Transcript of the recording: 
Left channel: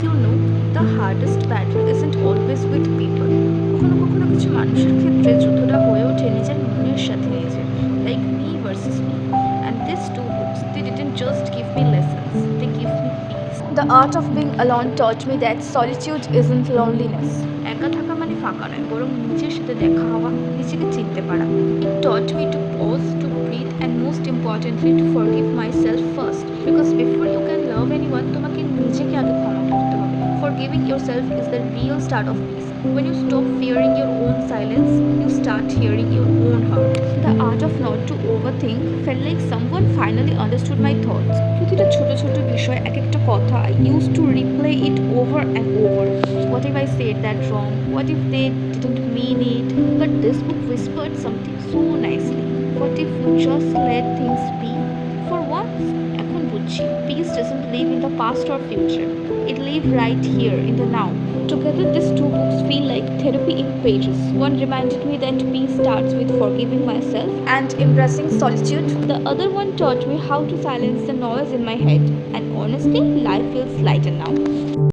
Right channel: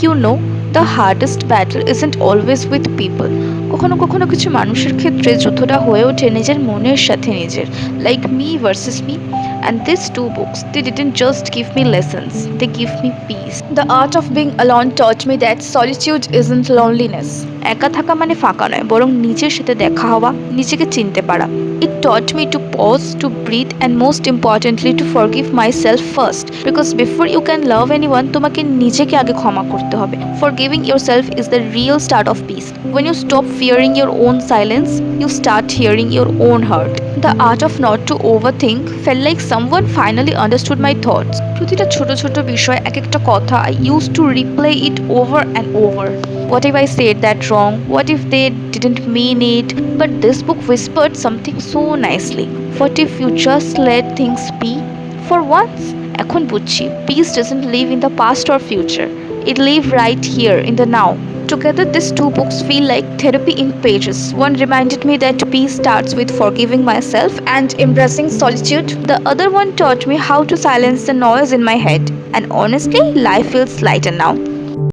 You know, the hardest battle isn't always with people. কখনো কখনো কিছু মানুষের ক্ষেত্রে যুদ্ধটা হয়ে ওঠে নিজের মনের সাথে নিজের, like me versus me. And these two books, they didn't just give me lessons, they give me peace. The art of being alone taught me that solitude isn't loneliness. একা থাকা মানে ফাঁকা নয়, বরং নিজের সাথে দেখা হওয়া, নিজেকে চিনতে পারা. It taught me to pause, to breathe, and most importantly to forgive myself first. Because before you can love anyone, তোমাকে নিজেকে আগে ক্ষমা করতে হবে. Forgiving yourself is the real start of peace. When you stop fearing your own silence, you start hearing your own heart. The art of not to overthink felt like someone finally understood my thoughts. প্রতিটা ছোট ছোট বিষয়, এক একটা কথা, I used to replay it over and over. What if I said that wrong? What if they didn't mean it? But this book whispered something so nicely. What if you just let things be? For once, এখন বুঝছি, peace doesn't live in the past or future. It lives right here in the now. Together, these two books feel like therapy in pages. One reminded me that peace starts with forgiving myself and embracing solitude. The other one taught me how to silence the noise in my head. And honestly, life feels lighter now.